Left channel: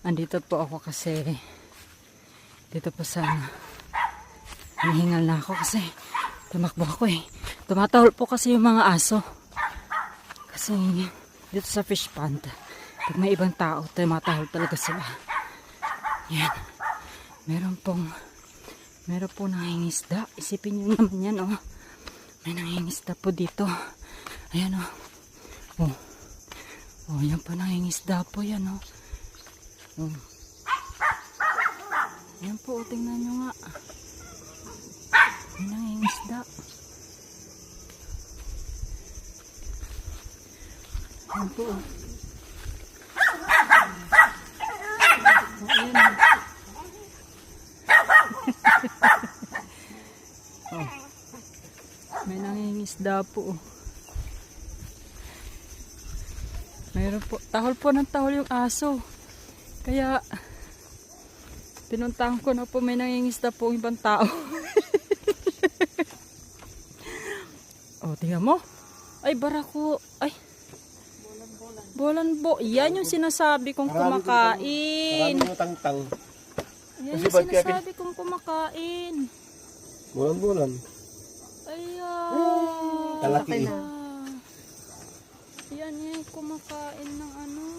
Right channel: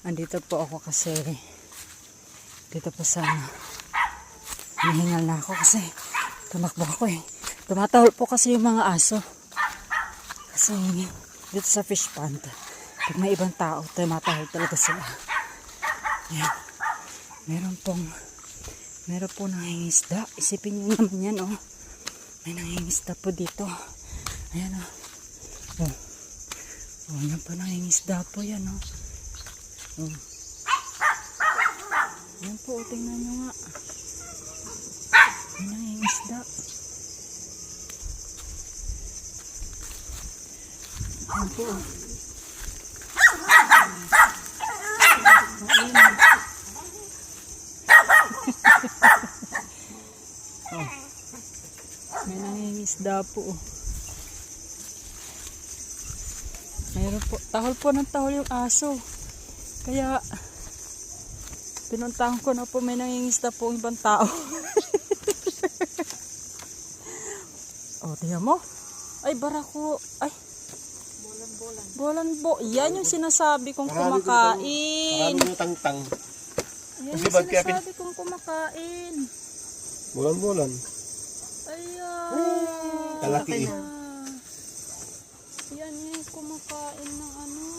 Andito po ako kasi dito po sa hinihingal na ako kasi tumakbo ako eh. Tumatahol po kasi yung mga aso. Kasi dito sa fish pond, pag may ibang tao, tumatahol talaga sila. Yan. Meron pong nangingisda. Isipin nyo naman yan, oh. May nangingisda po dito. Ayan, oh. Oh. Oh, yan po nangingisda po yan, oh. Oh. Yan po, tingnan nyo nga. May nangingisda. Yan po, oh. Ayan, oh. Oh. May nangingisda po. Mayroon po. Tahol po ng tahol yung aso. Kaya pinuntahan ko na po, may nangingisda po yung ibang tao. Oh, tingnan mo. Ay, barako. Ay. Bolan-bolan. Yan yung sinasabi kong kumakain. Marami yung tangtang. Yan yung sinasabi kong kumakain. Bulan-bulan. Ayan. Kalaki eh. Yan yung kumakain ng ano.